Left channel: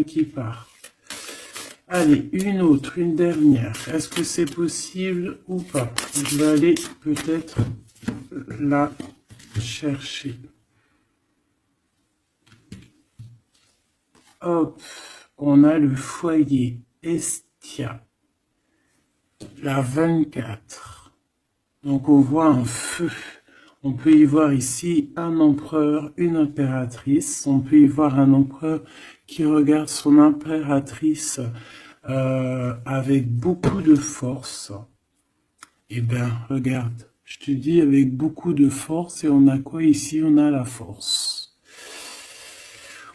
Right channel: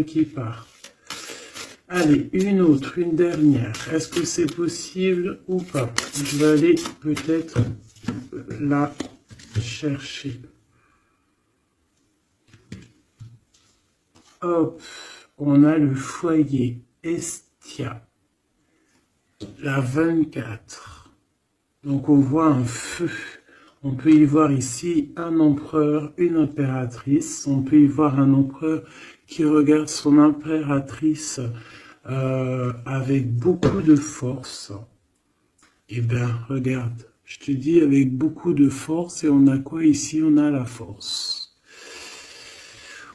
rien qui part. Allez, une autre, une dernière. Est-ce que c'est possible ou pas? Je vais aller peut-être la chercher. Hop, on a le foyer Estia, la 24. Donc on voit un feu. On peut y voir ici un empereur, une impératrice. On peut y voir un empereur qui regarde son impératrice avec beaucoup de force. Eh bien, regarde, je te dis avec beaucoup de force. Et on a quoi ici? On a la force.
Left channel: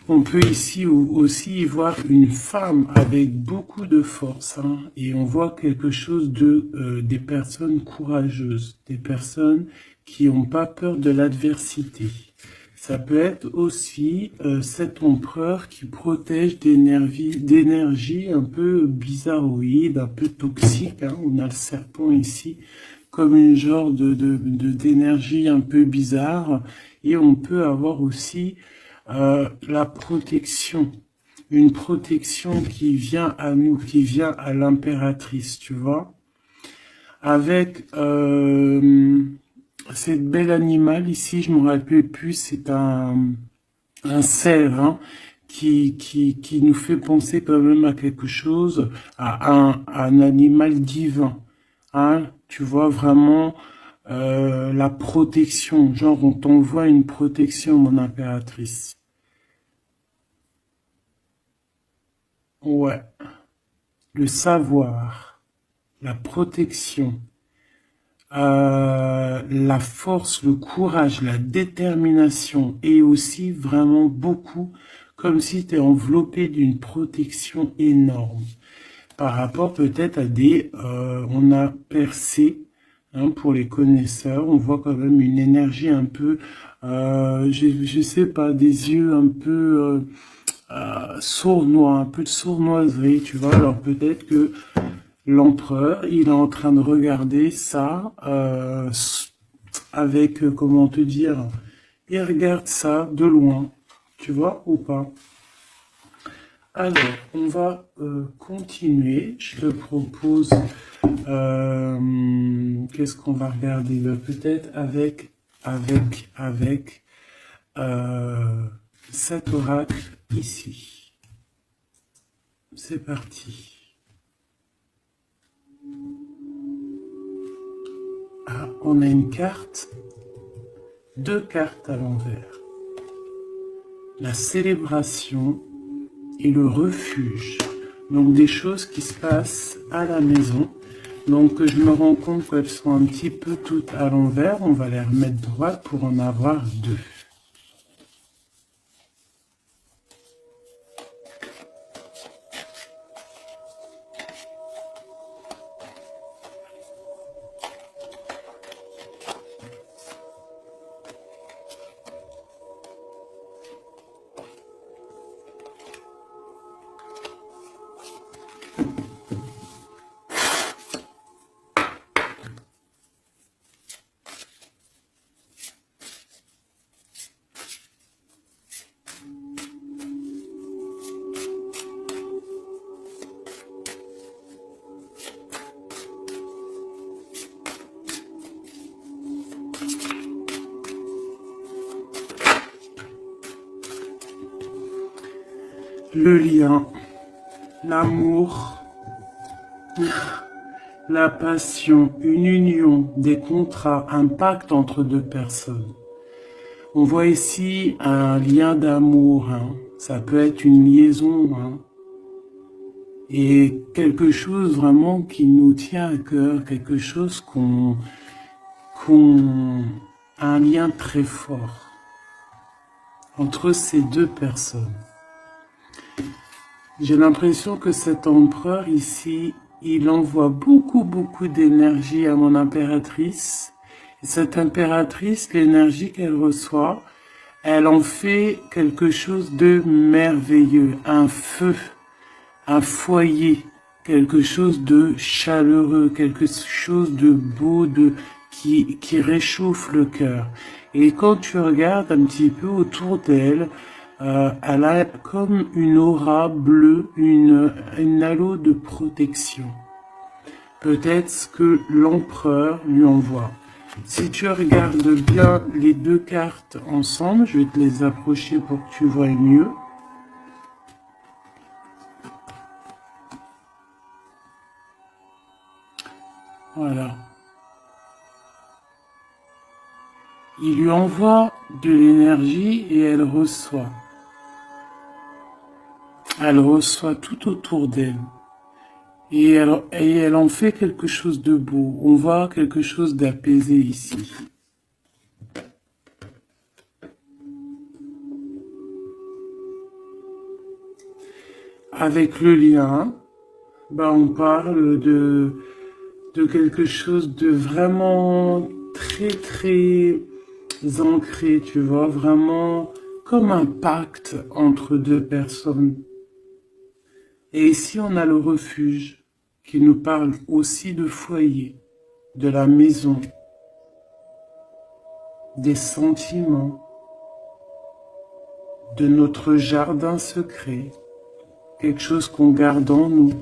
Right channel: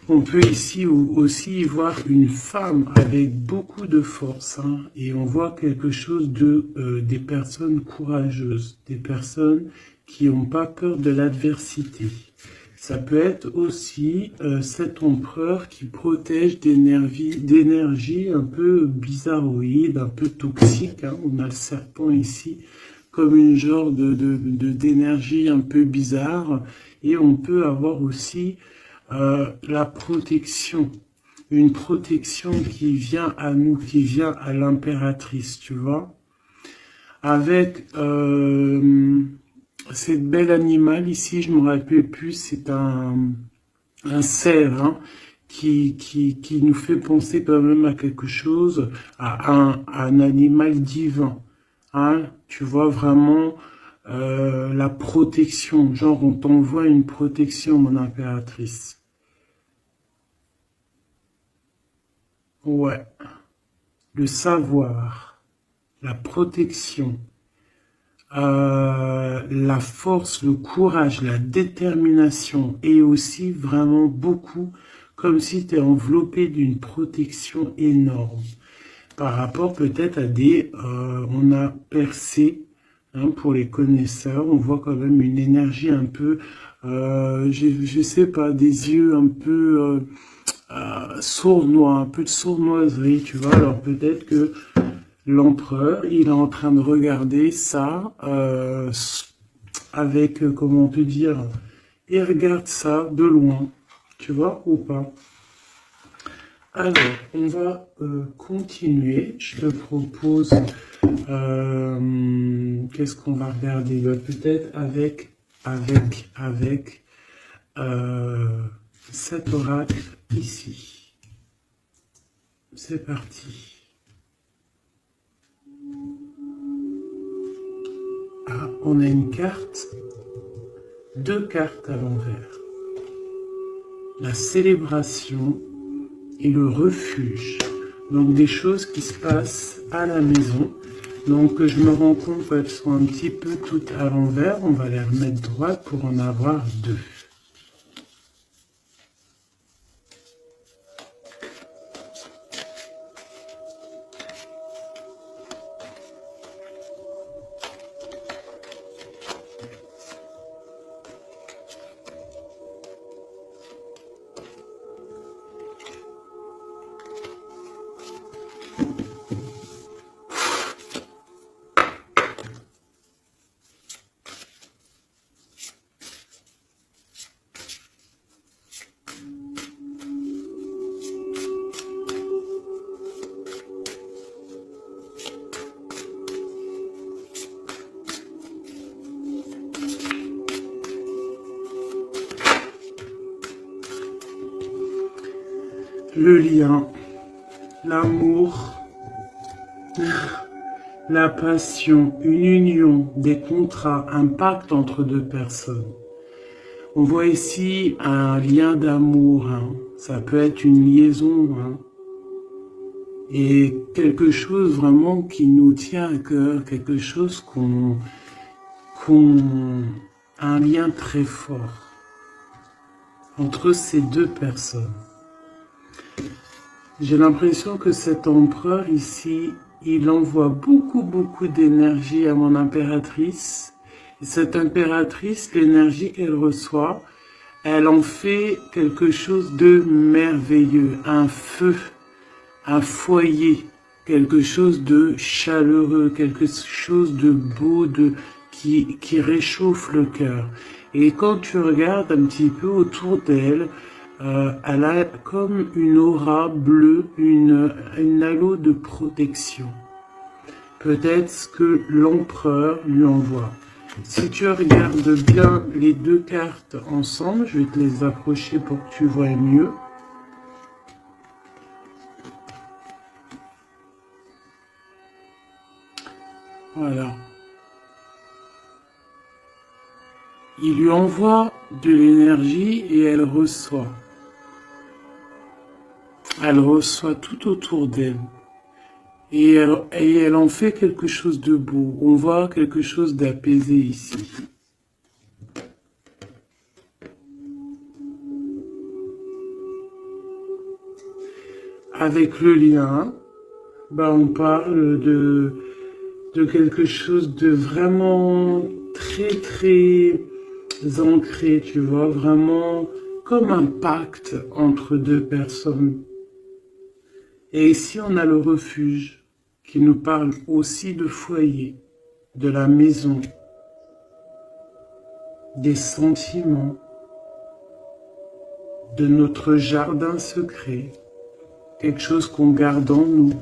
On peut ici aussi voir une femme avec beaucoup de force, hein, et on voit quelque chose des personnes courageuses, des personnes qui n'ont pas peur de l'adversité. Ça peut être aussi cet empereur qui protège d'énergie un peu bizarroïde, un peu toxique, hein. On a le serpent ici comme une genre d'énergie un peu bizarre, et on peut avoir aussi la protection, une protection qui vient à nous, qui vient à l'impératrice, tu vois, avec cette belle animal ici, je me rappelle plus, c'est un cerf, hein, qui nous fait penser quand même à quelque chose, à un animal divin, hein, tu vois vraiment la protection, genre on t'envoie une protection, mon impératrice. Ouais, le savoir, la protection, la force, le courage, la détermination, et aussi vraiment beaucoup, comme si tu es enveloppé d'une protection énorme. Par rapport peut-être à on a percé, hein, pour les connaisseurs, on voit quand même une énergie un peu, je sais pas, des yeux un peu sournois, un peu de sournoiserie, tu vois. Alors peut-être que l'empereur, il est en train de regarder ça avec, comment te dire, il regarde ça de loin, tu vois, ou pas. Alors, on va continuer. Je te propose, qu'est-ce qu'on va regarder? Peut-être avec cet oracle ici. C'est parti. Ah, on a une carte, deux cartes à l'envers. La célébration et le refuge. Donc des choses qui se passent à la maison. Donc je me rends compte qu'elles sont un petit peu toutes à l'envers. On va les remettre droites pour en avoir deux. Le lien, l'amour, la passion, une union, des contrats, un pacte entre deux personnes. On voit ici un lien d'amour, hein. Ça peut être une liaison, hein. Et quelque chose vraiment qui nous tient à cœur, quelque chose un lien très fort entre ces deux personnes. J'ai l'impression que cet empereur ici, il envoie beaucoup d'énergie à mon impératrice. Et cette impératrice, l'énergie qu'elle reçoit, elle en fait quelque chose de merveilleux, un feu, un foyer, quelque chose de chaleureux, quelque chose de beau, qui réchauffe le cœur. Et quand tu regardes un petit peu autour d'elle, elle a comme une aura bleue, une halo de protection. Peut-être ce que l'empereur lui envoie. Si tu regardes bien les deux cartes ensemble, je vais te les approcher pour que tu vois mieux. Voilà. Il lui envoie de l'énergie et elle reçoit. Elle reçoit tout autour d'elle. Et elle en fait quelque chose de beau. On voit quelque chose d'apaisé ici. Avec le lien, on parle de quelque chose de vraiment très ancré, tu vois, vraiment comme un pacte entre deux personnes. Et ici, on a le refuge qui nous parle aussi de foyer, de la maison, des sentiments, de notre jardin secret, quelque chose qu'on garde en nous.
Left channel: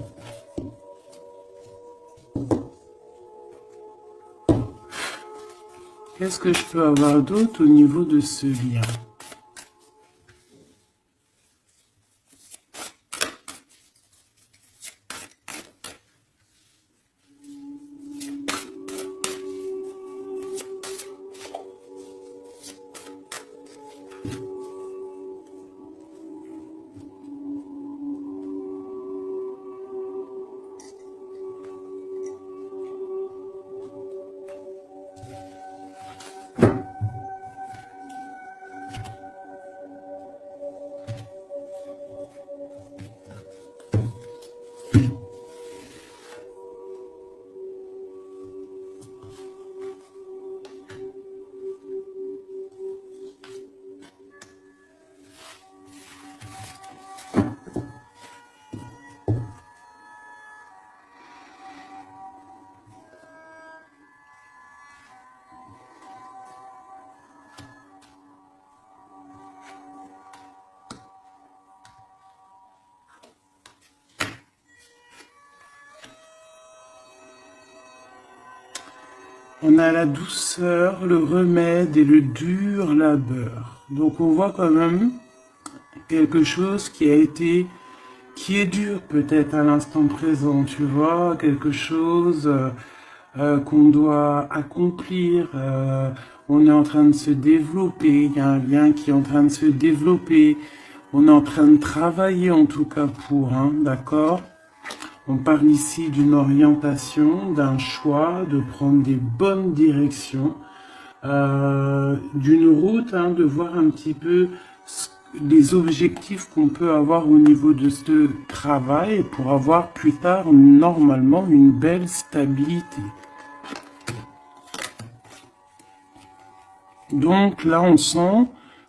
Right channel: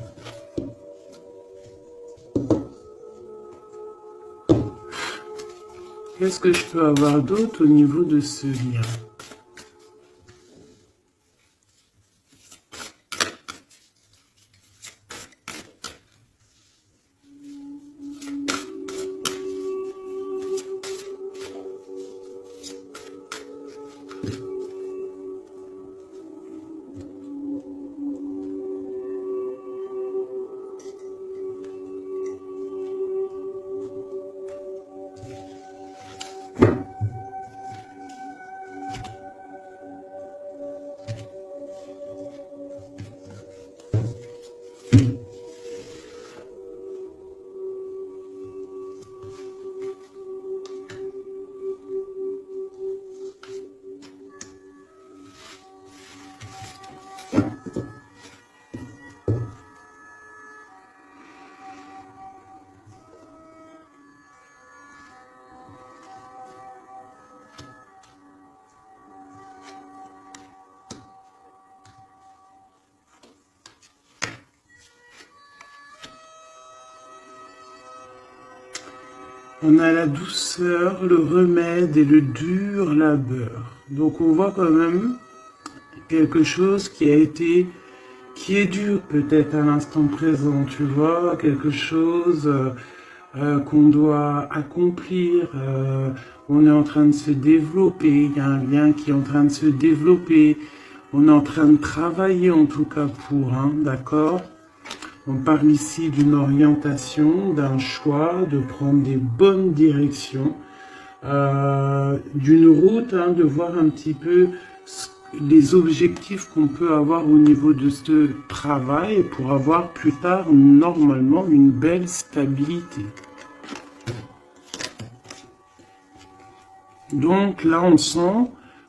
Qu'est-ce que je peux avoir d'autre au niveau de ce lien ? On a la douceur, le remède et le dur labeur. Donc on voit quand même quelque chose qui est dur peut-être à l'instant présent, tu vois, quelque chose qu'on doit accomplir. On est en train de se développer, il y a un lien qui est en train de se développer. On est en train de travailler en tout cas pour, d'accord ? On parle ici d'une orientation, d'un choix, de prendre des bonnes directions, d'une route, de voir un petit peu les objectifs qu'on peut avoir au niveau de ce travail pour avoir plus tard normalement une belle stabilité. Donc là on sent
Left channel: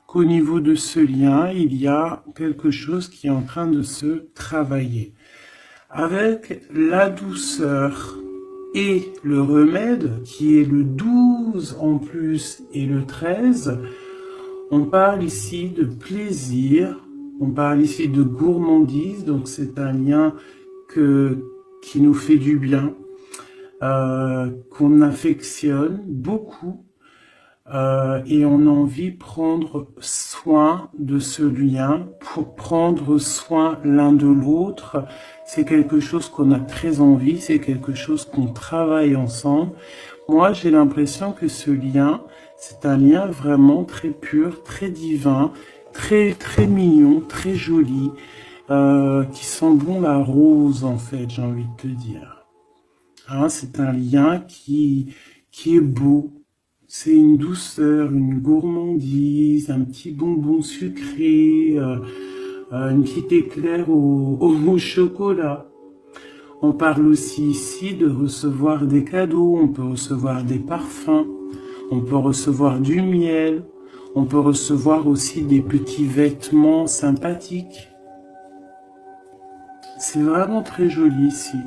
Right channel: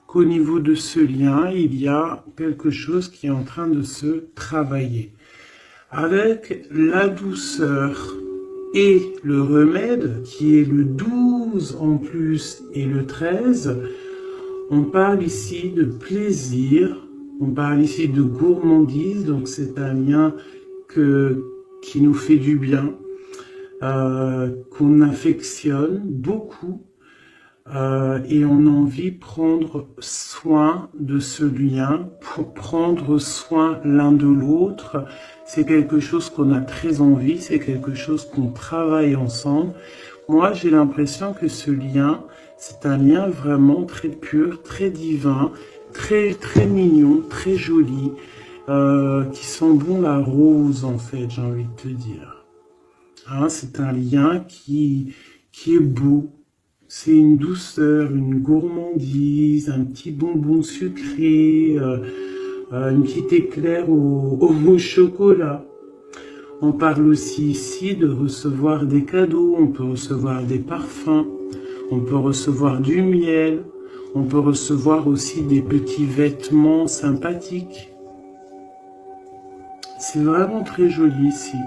qu'au niveau de ce lien, il y a quelque chose qui est en train de se travailler. Avec la douceur et le remède, qui est le 12 en plus et le 13, on parle ici de plaisir, on parle ici de gourmandise, donc c'est un lien qui nous fait du bien, qu'on affectionne beaucoup. Et on a envie de prendre soin de ce lien, pour prendre soin l'un de l'autre. C'est quelque chose qu'on a très envie, c'est quelque chose qu'on travaille ensemble. Moi, j'ai l'impression que ce lien, c'est un lien vraiment très pur, très divin, très mignon, très joli, qui sent bon la rose en fait, j'ai envie de te dire. C'est un lien qui est beau. C'est une douceur, une gourmandise, un petit bonbon sucré, une petite éclair au chocolat. On parle aussi ici de recevoir des cadeaux, on peut recevoir des parfums, on peut recevoir du miel, on peut recevoir aussi des petits vêtements sympathiques. C'est vraiment très joli ici.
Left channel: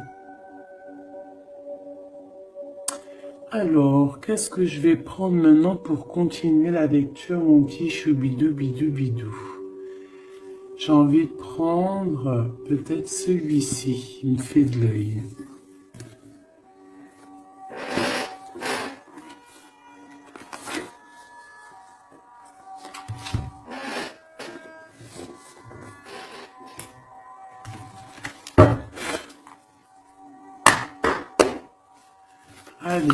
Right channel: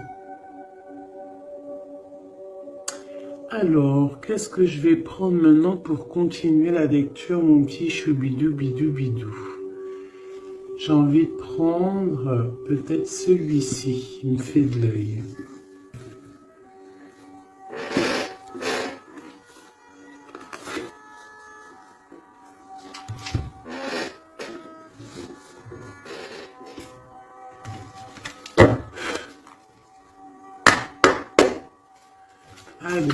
Alors, qu'est-ce que je vais prendre maintenant pour continuer la lecture, mon petit choubidou bidou bidou? j'ai envie de prendre peut-être celui-ci, il me fait de l'œil. Allez.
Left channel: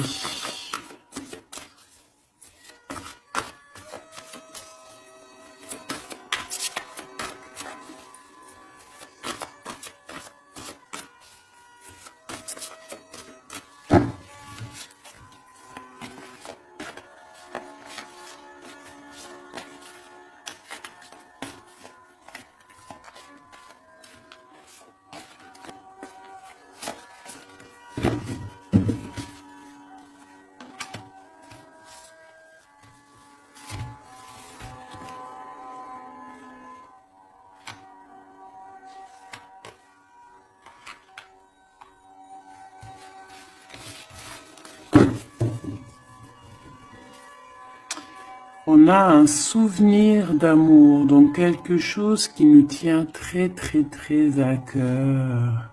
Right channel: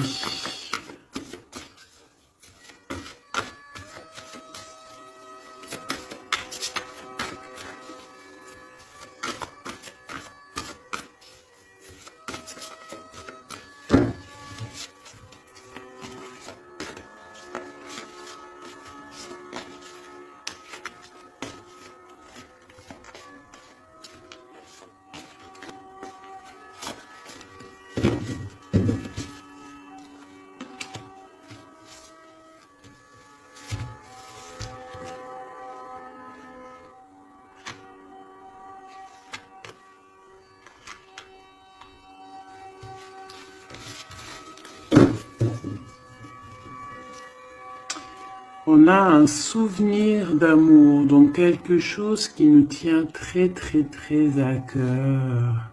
On a un souvenir d'amour, donc quelque chose qui nous tient très très très à cœur.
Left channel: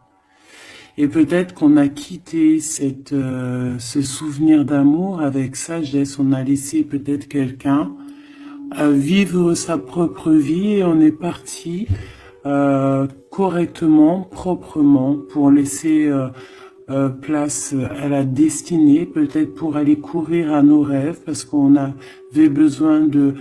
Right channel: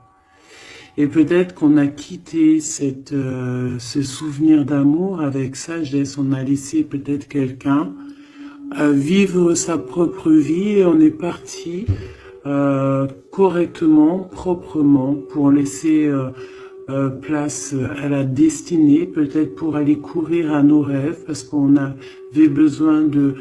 Et peut-être qu'on a quitté ce souvenir d'amour avec sagesse, on a laissé peut-être quelqu'un vivre sa propre vie et on est parti correctement, proprement, pour laisser place à la destinée, peut-être pour aller courir à nos rêves, parce qu'on avait besoin de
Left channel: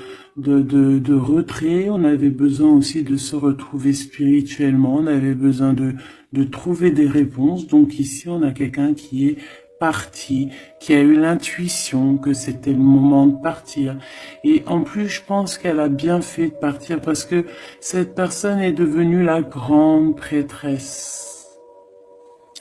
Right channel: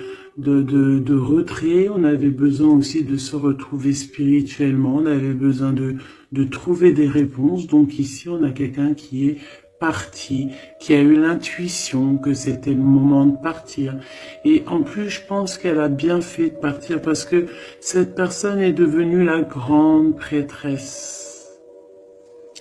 retrait, on avait besoin aussi de se retrouver spirituellement, on avait besoin de trouver des réponses. Donc ici, on a quelqu'un qui est parti, qui a eu l'intuition que c'était le moment de partir. Et en plus, je pense qu'elle a bien fait de partir parce que cette personne est devenue la grande prêtresse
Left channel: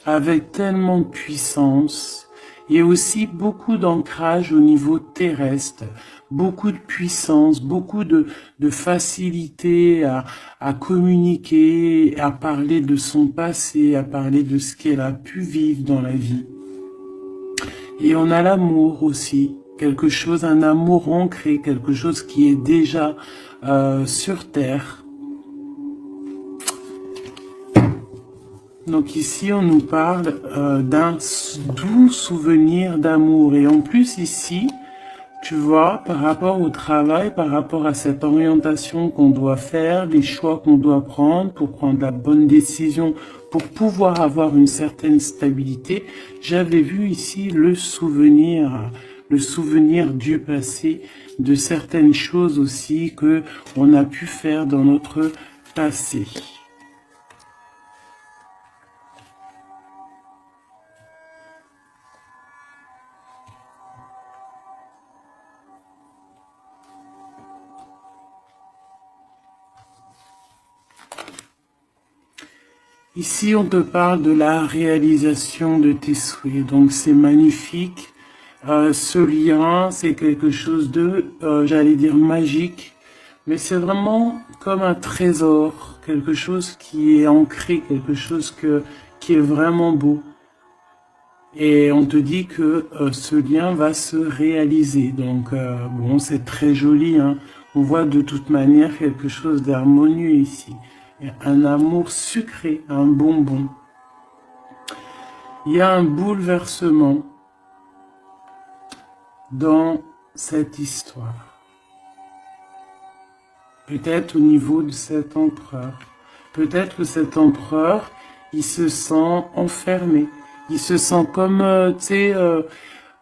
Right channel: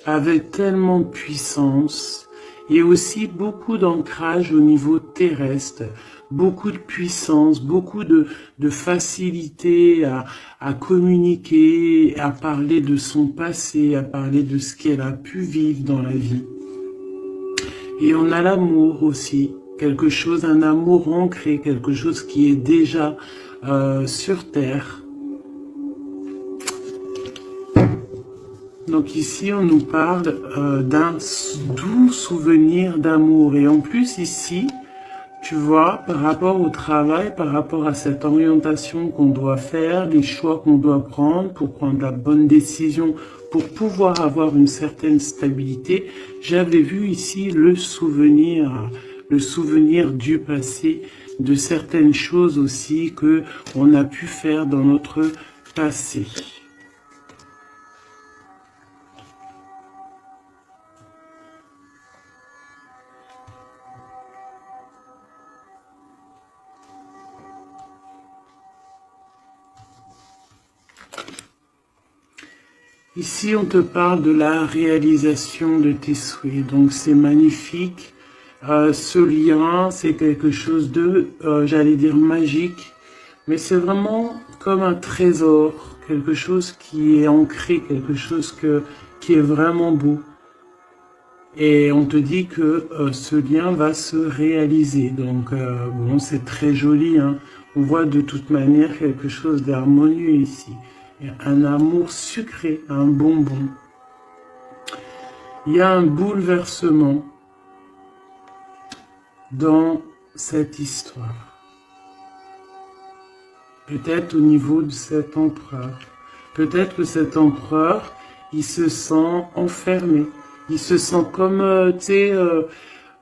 avec tellement de puissance et aussi beaucoup d'ancrage au niveau terrestre, beaucoup de puissance, beaucoup de facilité à communiquer, à parler de son passé, à parler de ce qu'elle a pu vivre dans la vie. Et on a l'amour aussi, quelque chose, un amour ancré, quelque chose qui est déjà sur terre. Donc ici, on nous parle d'un doux souvenir d'amour. Et en plus ici, tu vois, par rapport au travail, par rapport à cette orientation qu'on doit faire, les choix qu'on doit prendre pour prendre la bonne décision, pour pouvoir avoir une certaine stabilité, j'avais vu ici le souvenir du passé, de certaines choses aussi que on a pu faire dans notre passé. Ici, on te parle de la réalisation de tes souhaits. Donc, c'est magnifique. Ce lien, c'est quelque chose de, j'allais dire, magique. Mais c'est vraiment comme un trésor. Quelque chose qui est ancré, quelque chose qui est vraiment beau. Et on te dit que ce lien va se réaliser. Donc, bon, c'est très joli, hein. On voit de toute manière quelque chose d'harmonieux ici. Un amour sucré, un bonbon. Il y a un bouleversement dans cette histoire. Peut-être au niveau de cet empereur. Peut-être que cet empereur, il se sent enfermé. Il se sent comme, tu sais,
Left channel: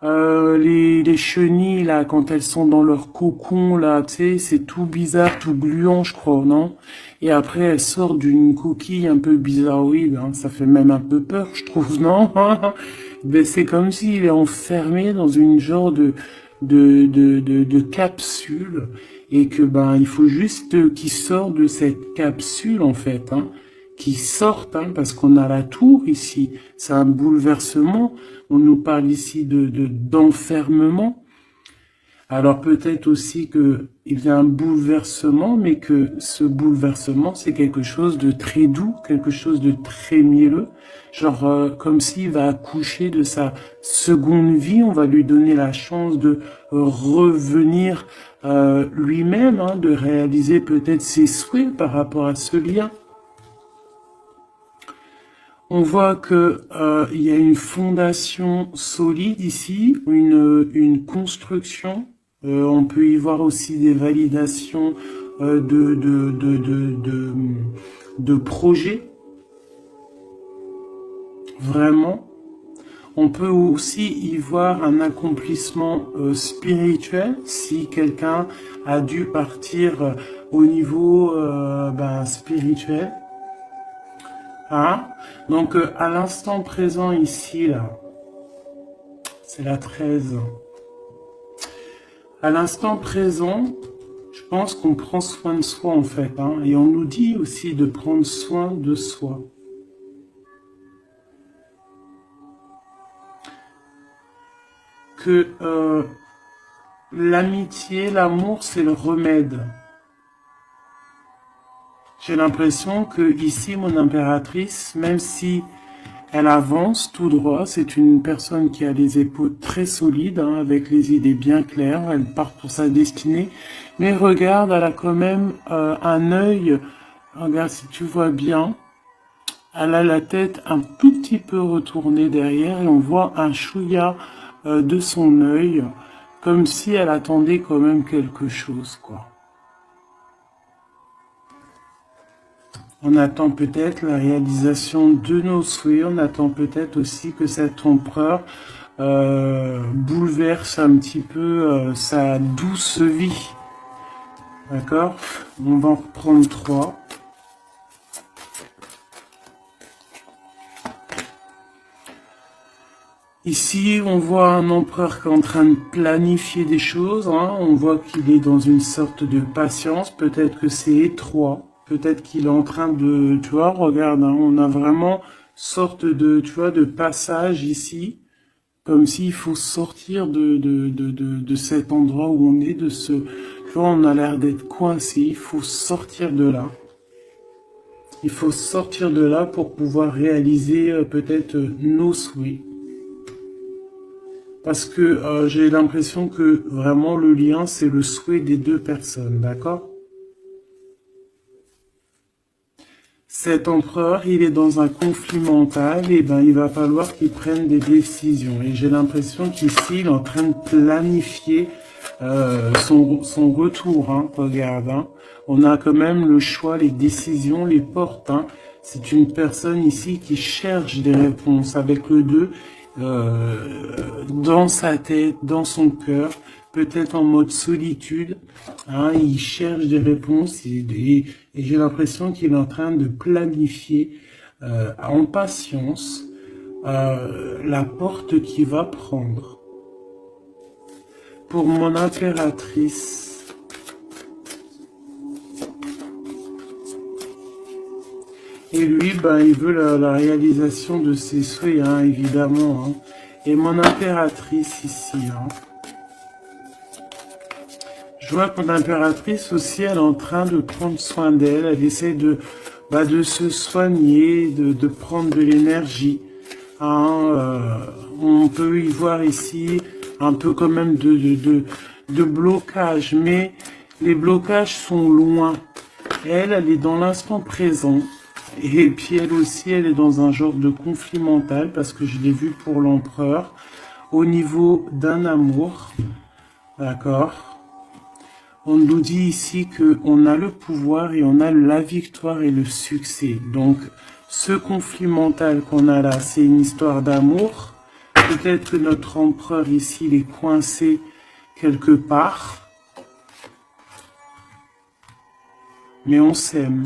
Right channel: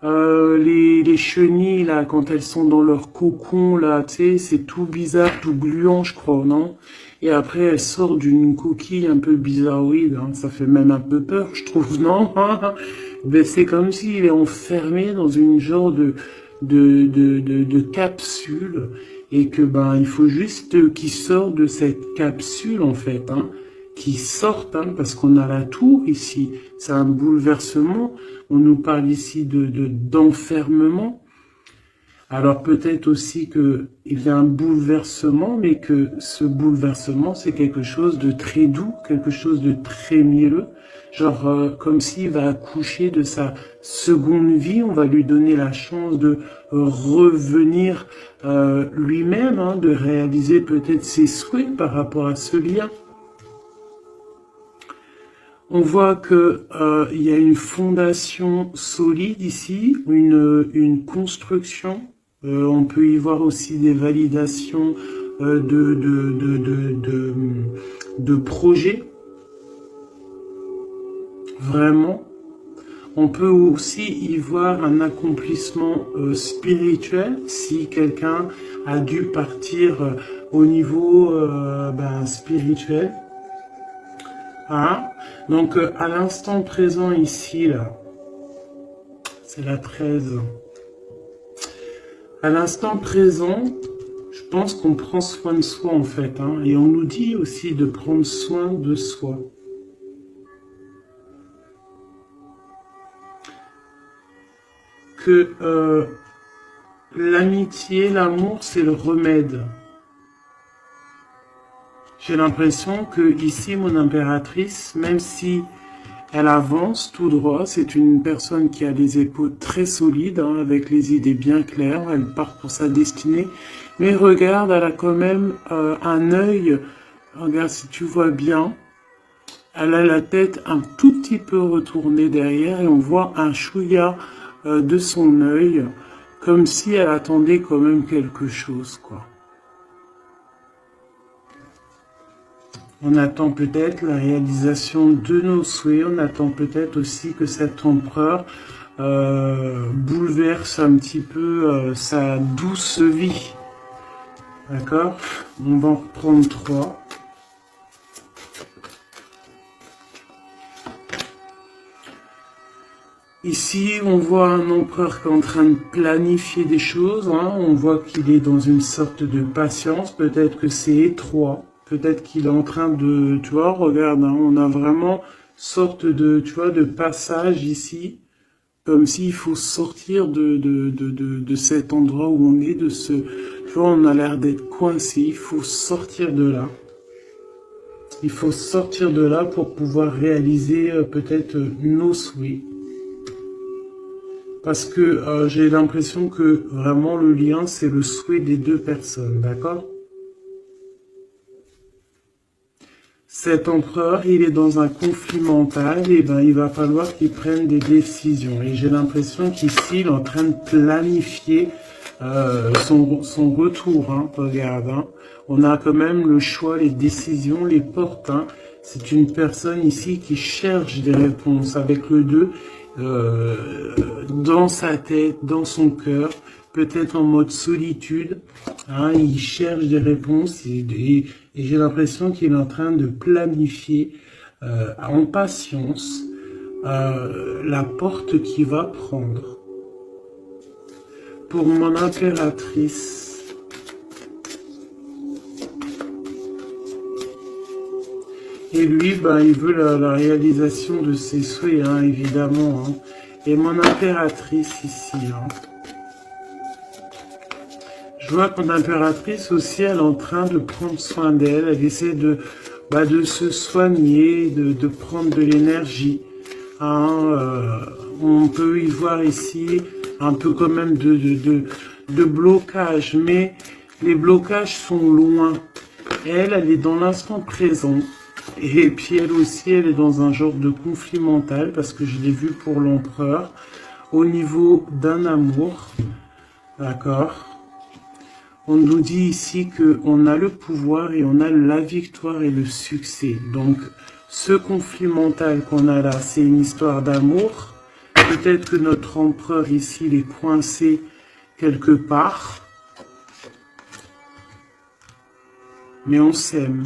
les chenilles, là, quand elles sont dans leur cocon, là, tu sais, c'est tout bizarre, tout gluant, je crois, non? Et après, elles sortent d'une coquille un peu bizarroïde, hein. Ça fait même un peu peur, je trouve, non? Ben, c'est comme s'il est enfermé dans une genre de capsule, et que, ben, il faut juste qu'il sorte de cette capsule, en fait, hein. Qui sortent, hein, parce qu'on a la tour ici. C'est un bouleversement. On nous parle ici d'enfermement. Alors peut-être aussi qu'il y a un bouleversement, mais que ce bouleversement, c'est quelque chose de très doux, quelque chose de très mielleux. Genre comme s'il va accoucher de sa seconde vie, on va lui donner la chance de revenir lui-même, hein, de réaliser peut-être ses souhaits par rapport à ce lien. On voit que il y a une fondation solide ici, une construction. On peut y voir aussi des validations de projets, vraiment. On peut aussi y voir un accomplissement spirituel si quelqu'un a dû partir au niveau spirituel. Hein? Donc, à l'instant présent ici, là, c'est la 13. À l'instant présent, je pense qu'on prend soin de soi, en fait. Hein, et on nous dit aussi de prendre soin de soi. Que l'amitié, l'amour, c'est le remède. J'ai l'impression que ici, mon impératrice, même si elle avance tout droit, c'est une personne qui a les épaules très solides, hein, avec les idées bien claires, elle part pour sa destinée, mais regarde, elle a quand même un œil, regarde si tu vois bien, elle a la tête un tout petit peu retournée derrière et on voit un chouïa de son œil, comme si elle attendait quand même quelque chose, quoi. On attend peut-être la réalisation de nos souhaits, on attend peut-être aussi que cet empereur bouleverse un petit peu sa douce vie. D'accord? On va en reprendre 3. Ici, on voit un empereur qui est en train de planifier des choses. Hein. On voit qu'il est dans une sorte de patience. Peut-être que c'est étroit. Peut-être qu'il est en train de... Tu vois, regarde, hein, on a vraiment sorte de, tu vois, de passage ici. Comme s'il faut sortir de cet endroit où on est, de ce... Tu vois, on a l'air d'être coincé. Il faut sortir de là. Il faut sortir de là pour pouvoir réaliser peut-être nos souhaits. Parce que j'ai l'impression que vraiment le lien, c'est le souhait des deux personnes, d'accord? Cet empereur, il est dans un conflit mental, et ben, il va falloir qu'il prenne des décisions. Et j'ai l'impression qu'ici, il est en train de planifier son retour. Hein, regarde, hein. On a quand même le choix, les décisions, les portes. Hein. C'est une personne ici qui cherche des réponses avec le 2 dans sa tête, dans son cœur, peut-être en mode solitude. Hein, il cherche des réponses et j'ai l'impression qu'il est en train de planifier en patience la porte qu'il va prendre. Pour mon impératrice, et lui, ben, il veut la réalisation de ses souhaits, hein, évidemment. Hein. Et mon impératrice ici, hein. Je vois que mon impératrice aussi, elle est en train de prendre soin d'elle. Elle essaie de se soigner, de prendre de l'énergie. Hein, on peut y voir ici un peu quand même de blocage, mais les blocages sont loin. Elle est dans l'instant présent. Et puis elle aussi, elle est dans un genre de conflit mental parce que je l'ai vu pour l'empereur au niveau d'un amour. D'accord? On nous dit ici qu'on a le pouvoir et on a la victoire et le succès. Donc, ce conflit mental qu'on a là, c'est une histoire d'amour. Peut-être que notre empereur ici, il est coincé quelque part. Mais on s'aime.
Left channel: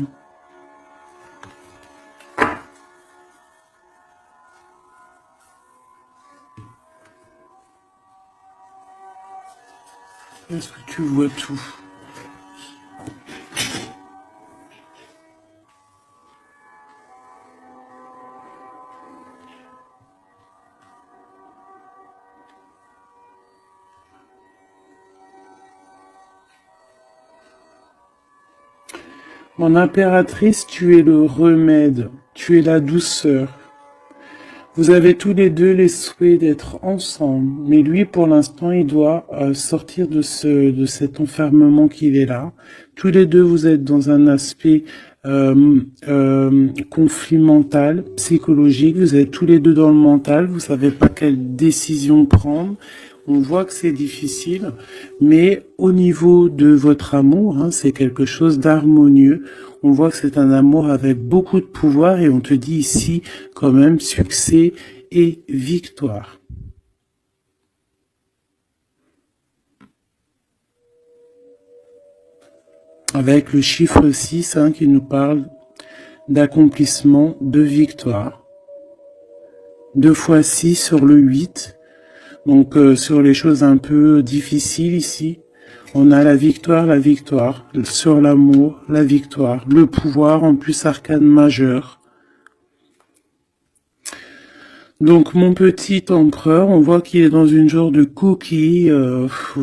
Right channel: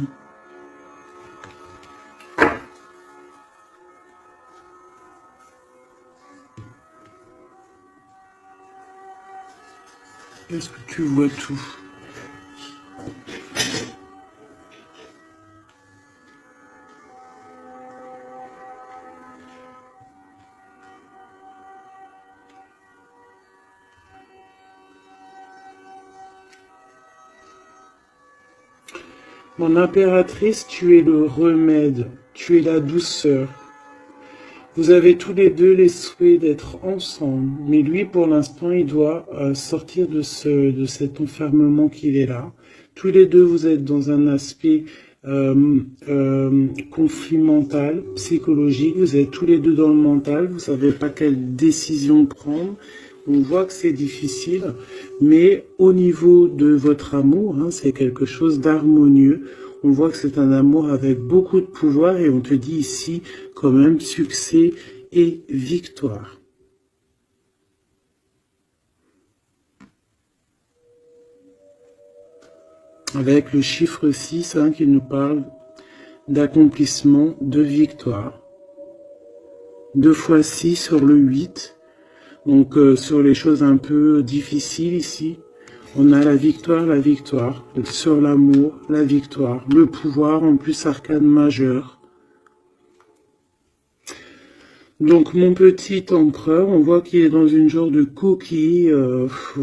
Est-ce que tu vois tout? Mon impératrice, tu es le remède, tu es la douceur. Vous avez tous les deux les souhaits d'être ensemble, mais lui, pour l'instant, il doit sortir de cet enfermement qu'il est là. Tous les deux, vous êtes dans un aspect conflit mental, psychologique. Vous êtes tous les deux dans le mental. Vous savez pas quelle décision prendre. On voit que c'est difficile, mais au niveau de votre amour, hein, c'est quelque chose d'harmonieux. On voit que c'est un amour avec beaucoup de pouvoir et on te dit ici quand même succès et victoire. Avec le chiffre 6 hein, qui nous parle d'accomplissement, de victoire. 2 fois 6 sur le 8. Donc sur les choses un peu difficiles ici, on a la victoire, sur l'amour, la victoire, le pouvoir, en plus arcane majeur. Donc mon petit empereur, on voit qu'il est dans une genre de coquille,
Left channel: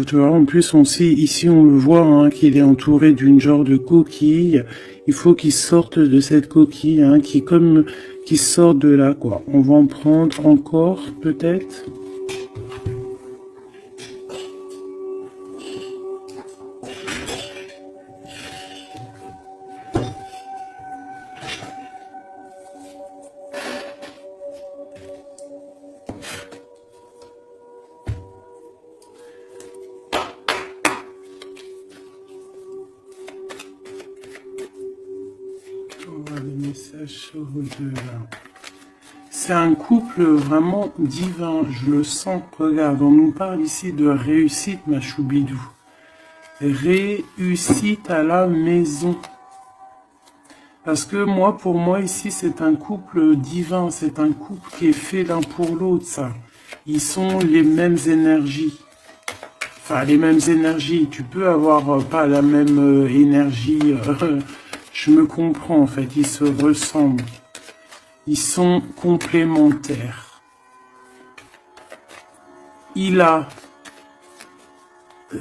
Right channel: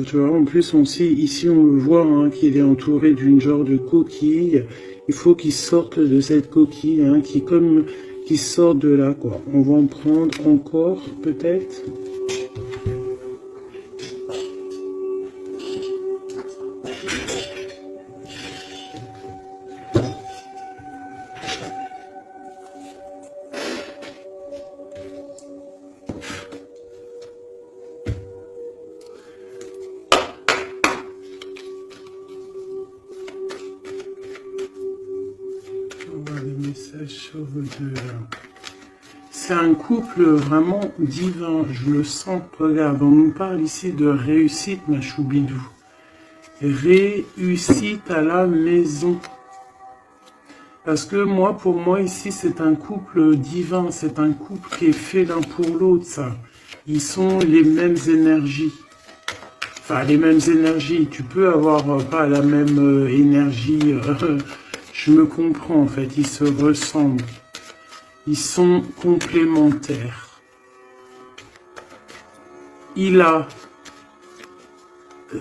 tu vois, en plus on sait, ici on le voit, hein, qu'il est entouré d'une genre de coquille, il faut qu'il sorte de cette coquille, hein, qui sort de là, quoi. On va en prendre encore, peut-être. C'est un couple vraiment divin, je le sens. Regarde, on nous parle ici de réussite, ma choubidou. Réussite à la maison. Parce que pour moi ici, c'est un couple divin, c'est un couple qui est fait l'un pour l'autre, ça. Ils sont les mêmes énergies. Enfin, les mêmes énergies. Tu peux avoir pas la même énergie. Je me comprends, en fait. Ils se ressemblent. Ils sont complémentaires. Il a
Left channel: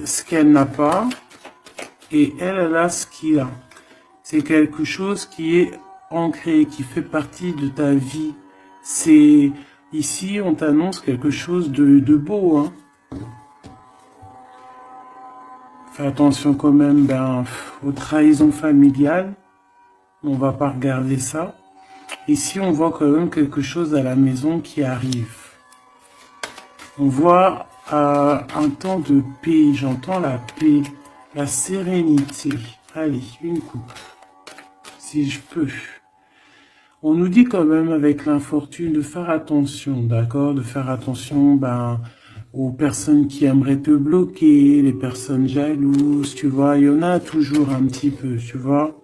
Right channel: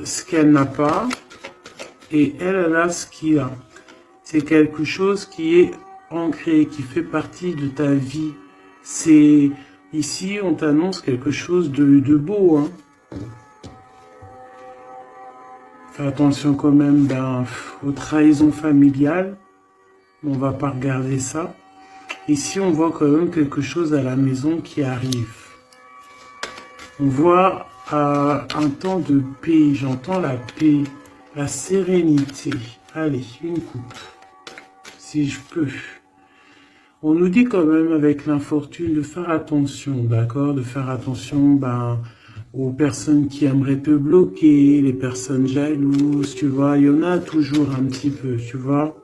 ce qu'elle n'a pas et elle a ce qu'il a. C'est quelque chose qui est ancré, qui fait partie de ta vie. C'est ici, on t'annonce quelque chose de beau. Hein. Fais attention quand même aux trahisons familiales. On va pas regarder ça. Ici, on voit quand même quelque chose à la maison qui arrive. On voit un temps de paix. J'entends la paix, la sérénité. Allez, une coupe, si je peux. On nous dit quand même avec l'infortune de faire attention, d'accord? De faire attention aux personnes qui aimeraient te bloquer, les personnes jalouses, tu vois. Il y en a toujours un petit peu, tu vois.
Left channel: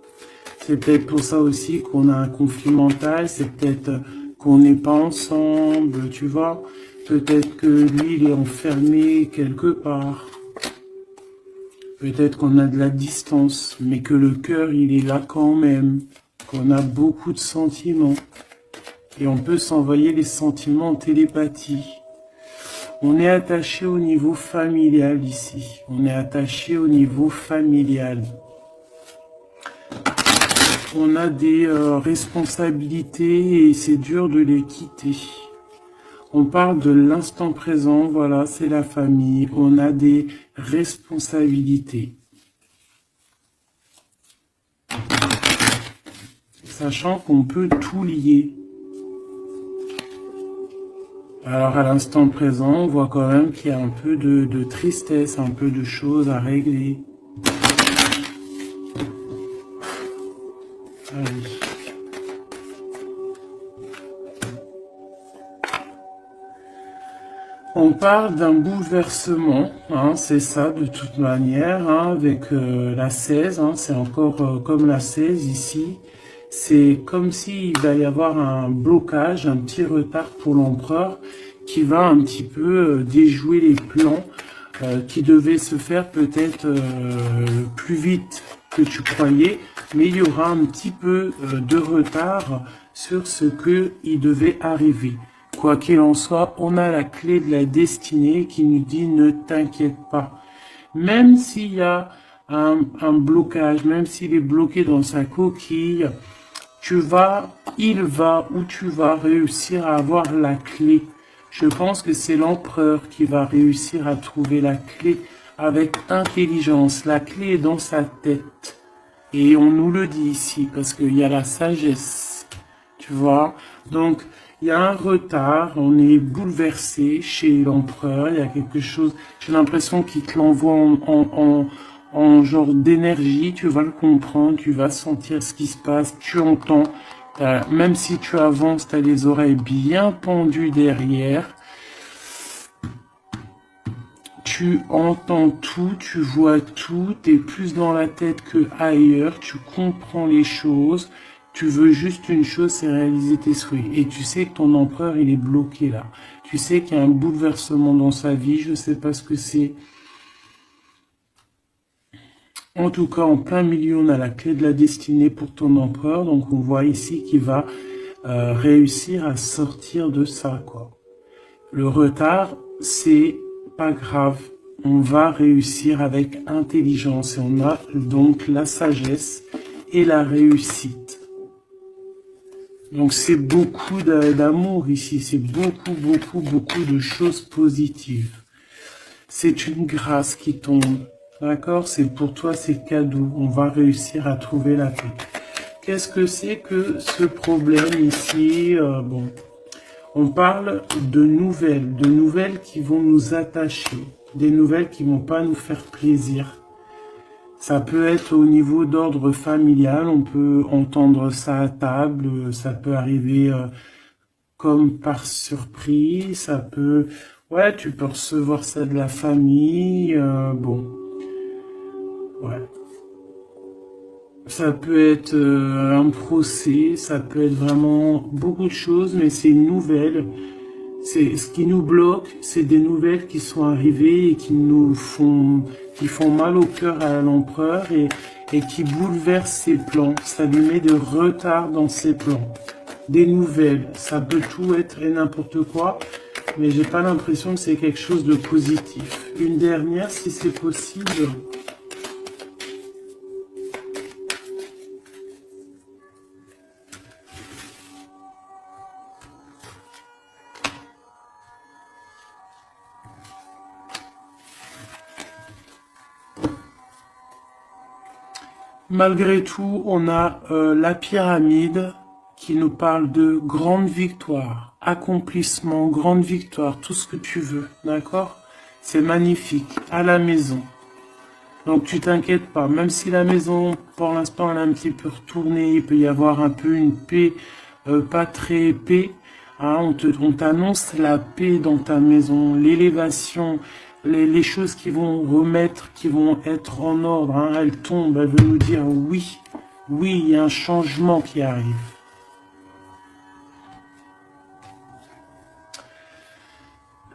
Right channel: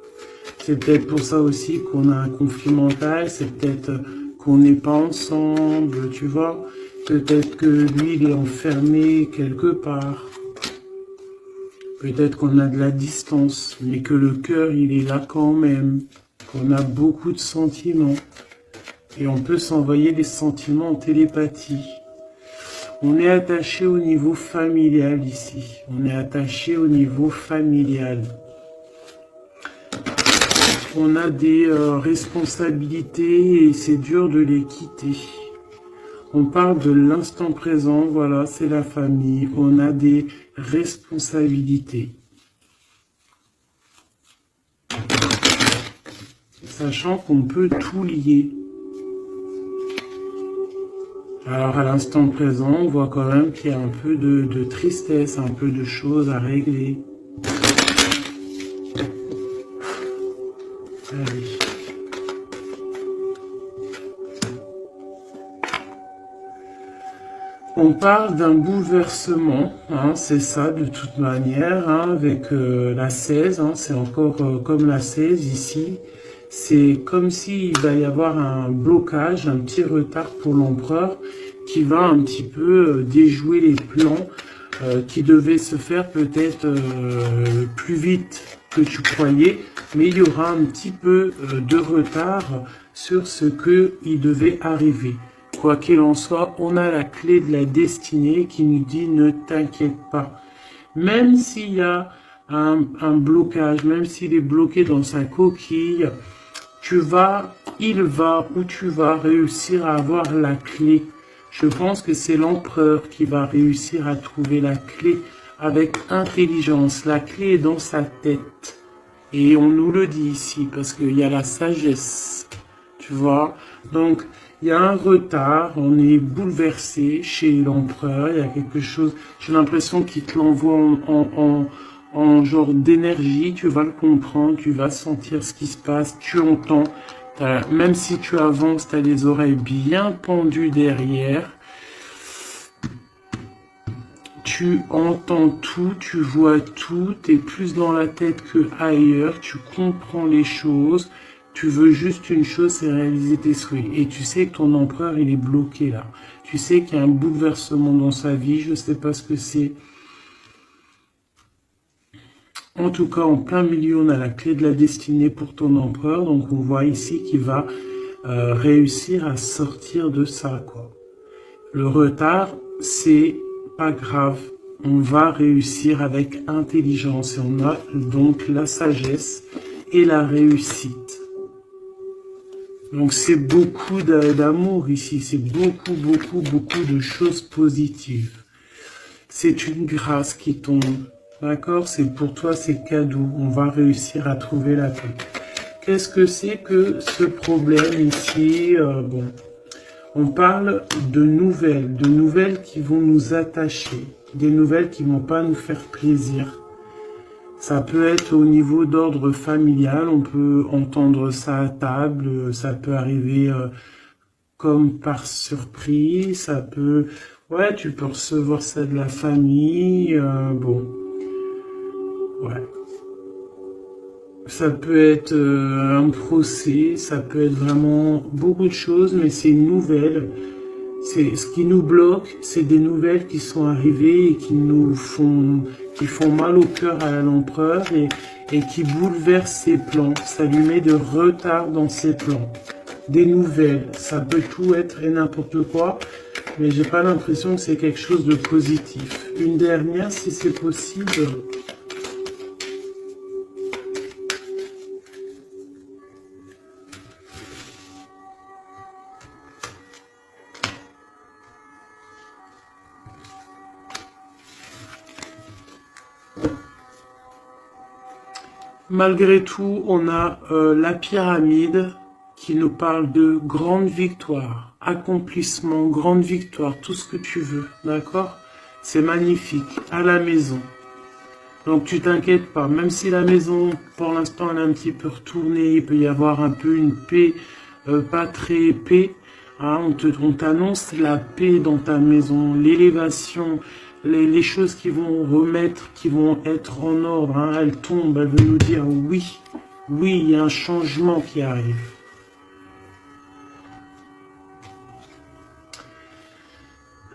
C'est peut-être pour ça aussi qu'on a un conflit mental, c'est peut-être qu'on n'est pas ensemble, tu vois. Peut-être que lui, il est enfermé quelque part. Peut-être qu'on a de la distance, mais que le cœur, il est là quand même. Qu'on a beaucoup de sentiments. Et on peut s'envoyer des sentiments en télépathie. On est attaché au niveau familial ici. On est attaché au niveau familial. On a des responsabilités et c'est dur de les quitter. On parle de l'instant présent, voilà, c'est la famille. On a des responsabilités. Sachant qu'on peut tout lier. Alors à l'instant présent, on voit quand même qu'il y a un peu de tristesse, un peu de choses à régler. Allez. On parle d'un bouleversement, hein, c'est ça de toute manière, hein, avec la 16, hein, c'est encore comme la 16 ici. C'est comme s'il va y avoir un blocage, un petit retard pour l'empereur qui va un petit peu déjouer les plans qui devaient se faire peut-être plus vite que tu croyais, mais il y aura un petit peu de retard sur ce qu'il devait arriver. Quoi qu'il en soit, on a la clé de la destinée qui nous dit ne t'inquiète pas. Même s'il y a un blocage, même s'il est bloqué dans sa coquille, il va ou tu vas réussir à avoir la clé. Je pense que c'est l'empereur qui va réussir à trouver la clé avec intelligence. La clé est dans sa tête. Et on nous le dit ici parce qu'il y a la sagesse, tu vois. Donc, il y a un retard, on est bouleversé chez l'empereur, il y a quelque chose, j'ai l'impression qu'il te l'envoie en genre d'énergie, tu vas le comprendre, tu vas sentir ce qui se passe, tu entends. Même si tu avances, tu as les oreilles bien pendues derrière. Tu entends tout, tu vois tout, tu es plus dans la tête que ailleurs, tu comprends les choses, tu veux juste une chose, c'est réaliser tes souhaits. Et tu sais que ton empereur, il est bloqué là. Tu sais qu'il y a un bouleversement dans sa vie, je ne sais pas ce que c'est. En tout cas, en plein milieu, on a la clé de la destinée pour ton empereur. Donc, on voit ici qu'il va réussir à sortir de ça, quoi. Le retard, c'est pas grave. On va réussir avec intelligence. Et on a donc la sagesse et la réussite. Donc, c'est beaucoup d'amour ici. C'est beaucoup, beaucoup, beaucoup de choses positives. C'est une grâce qui tombe. D'accord? C'est pour toi, c'est cadeau. On va réussir à trouver la paix. Qu'est-ce que c'est que ce problème ici? Bon, on parle de nouvelles qui vont nous attacher, des nouvelles qui vont pas nous faire plaisir. Ça peut être au niveau d'ordre familial, on peut entendre ça à table, ça peut arriver comme par surprise, ça peut... Ouais, tu peux recevoir ça de la famille, bon... Ouais. Ça peut être un procès, ça peut être vraiment beaucoup de choses, mais c'est une nouvelle. C'est ce qui nous bloque, c'est des nouvelles qui sont arrivées et qui font mal au cœur à l'empereur et qui bouleversent ses plans. Ça lui met de retard dans ses plans. Des nouvelles, ça peut tout être et n'importe quoi, mais j'ai pas l'impression que c'est quelque chose de positif. Une dernière, si c'est possible. Malgré tout, on a la pyramide qui nous parle de grande victoire, accomplissement, grande victoire, tout ce que tu veux, d'accord? C'est magnifique, à la maison. Donc tu t'inquiètes pas, même si la maison, pour l'instant, elle est un petit peu retournée, il peut y avoir un peu une paix, pas très paix. Hein, on t'annonce la paix dans ta maison, l'élévation, les choses qui vont remettre, qui vont être en ordre, hein, elles tombent, elles veulent nous dire oui, oui, il y a un changement qui arrive.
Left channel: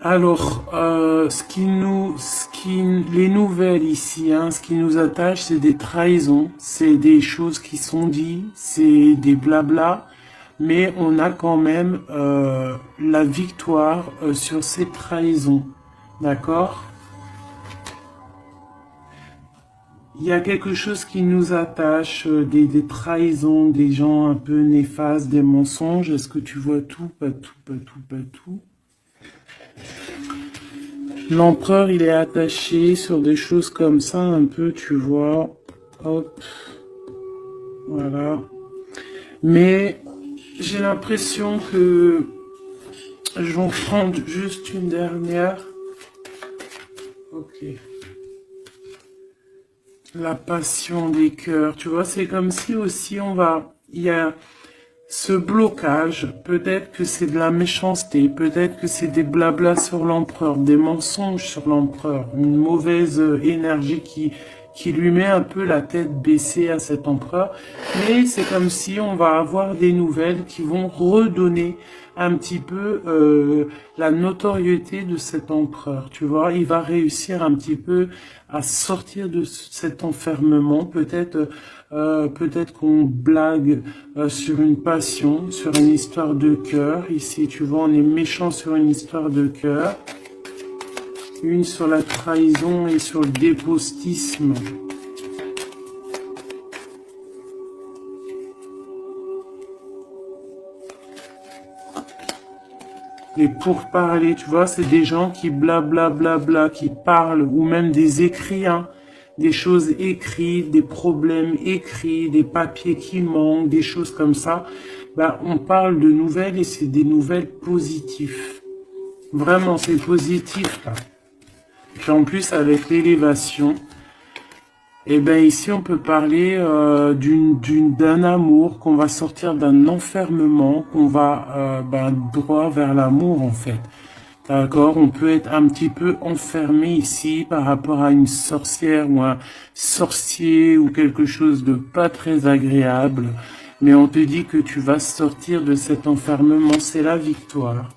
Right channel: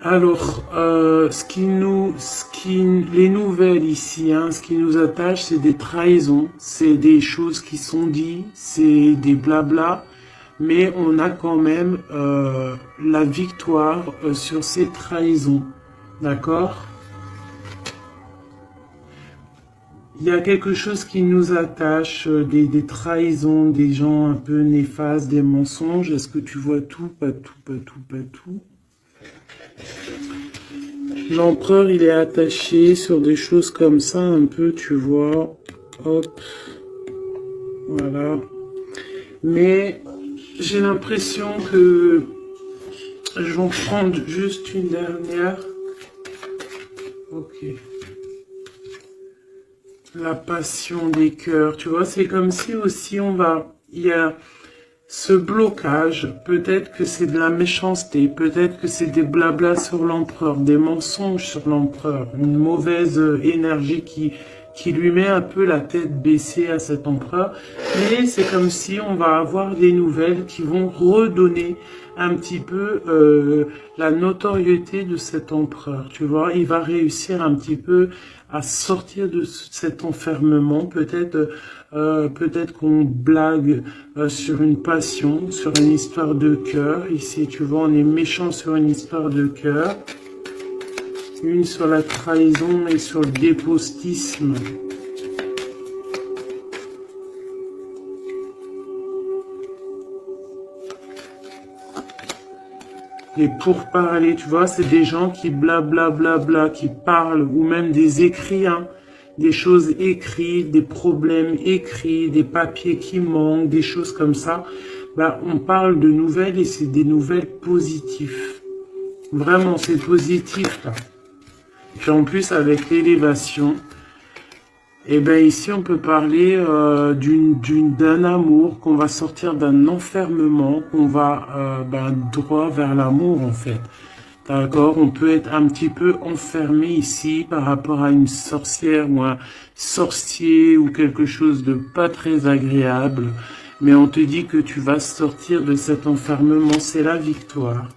Alors, les nouvelles ici, hein, ce qui nous attache, c'est des trahisons, c'est des choses qui sont dites, c'est des blabla, mais on a quand même la victoire sur ces trahisons, d'accord? Il y a quelque chose qui nous attache, des trahisons, des gens un peu néfastes, des mensonges. Est-ce que tu vois tout? Pas tout, pas tout, pas tout. L'empereur, il est attaché sur des choses comme ça, un peu, tu vois. Hop. Voilà. Mais j'ai l'impression que je vais en prendre juste une dernière. Ok. La passion des cœurs, tu vois, c'est comme si aussi il y a ce blocage, peut-être que c'est de la méchanceté, peut-être que c'est des blablas sur l'empereur, des mensonges sur l'empereur, une mauvaise énergie qui lui met un peu la tête baissée à cet empereur, mais c'est comme si on va avoir des nouvelles qui vont redonner un petit peu la notoriété de cet empereur, tu vois, il va réussir un petit peu à sortir de cet enfermement, peut-être qu'on blague sur une passion, sur une histoire de cœur, ici tu vois on est méchant sur une histoire de cœur, une sur la trahison et sur le dépostisme. les pourparlers, tu vois, c'est des gens qui blablabla, qui parlent, ou même des écrits, hein, des choses écrites, des problèmes écrits, des papiers qui manquent, des choses comme ça. Bah, on parle de nouvelles et c'est des nouvelles positives. Vraiment, c'est positif, là. Puis en plus, avec l'élévation, et ben ici, on peut parler d'un amour, qu'on va sortir d'un enfermement, qu'on va droit vers l'amour, en fait. D'accord, on peut être un petit peu enfermé ici par rapport à une sorcière ou un sorcier ou quelque chose de pas très agréable. Mais on te dit que tu vas sortir de cet enfermement, c'est la victoire.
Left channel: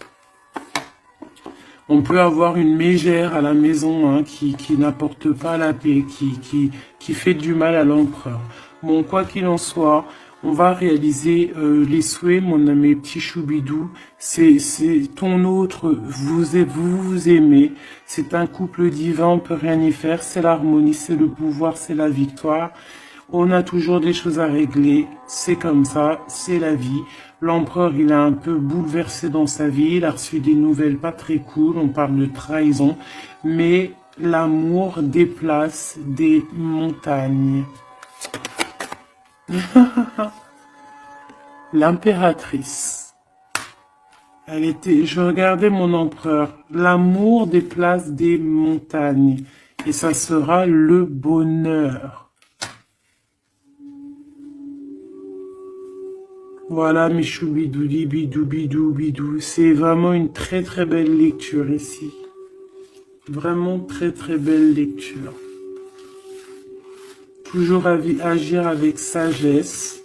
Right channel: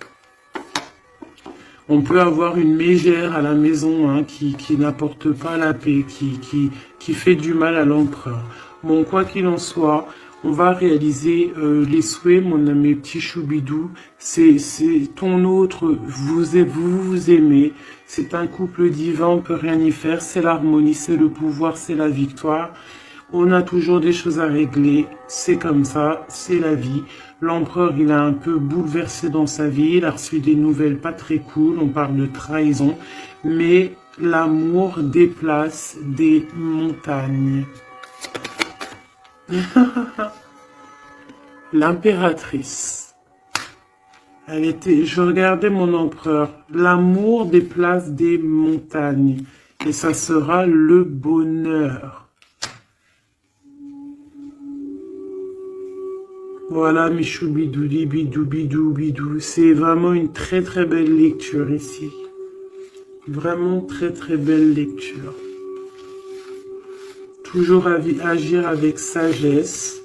On peut avoir une mégère à la maison hein, qui n'apporte pas la paix, qui fait du mal à l'empereur. Bon, quoi qu'il en soit, on va réaliser les souhaits, mon ami petit choubidou. C'est ton autre, vous aimez. C'est un couple divin, on peut rien y faire. C'est l'harmonie, c'est le pouvoir, c'est la victoire. On a toujours des choses à régler, c'est comme ça, c'est la vie. L'empereur, il a un peu bouleversé dans sa vie, il a reçu des nouvelles pas très cool, on parle de trahison, mais l'amour déplace des montagnes. L'impératrice, je regardais mon empereur, l'amour déplace des montagnes, et ça sera le bonheur. Voilà, mes choubidouli, bidou, bidou, bidou. C'est vraiment une très très belle lecture ici. Vraiment très très belle lecture. Toujours agir avec sagesse.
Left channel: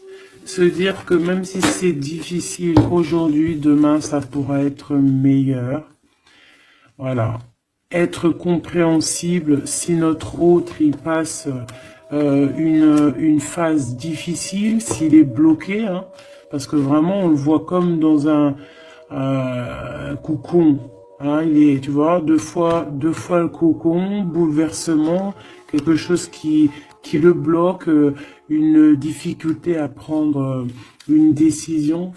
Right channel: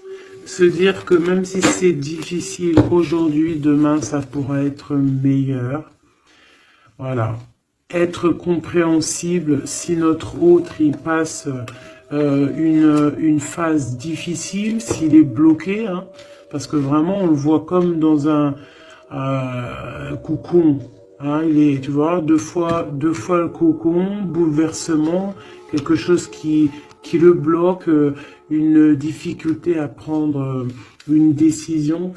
Se dire que même si c'est difficile aujourd'hui, demain ça pourra être meilleur. Voilà. Être compréhensible si notre autre il passe une phase difficile, s'il est bloqué, hein, parce que vraiment on le voit comme dans un cocon. Hein, il est, tu vois, deux fois le cocon, bouleversement, quelque chose qui le bloque, une difficulté à prendre une décision.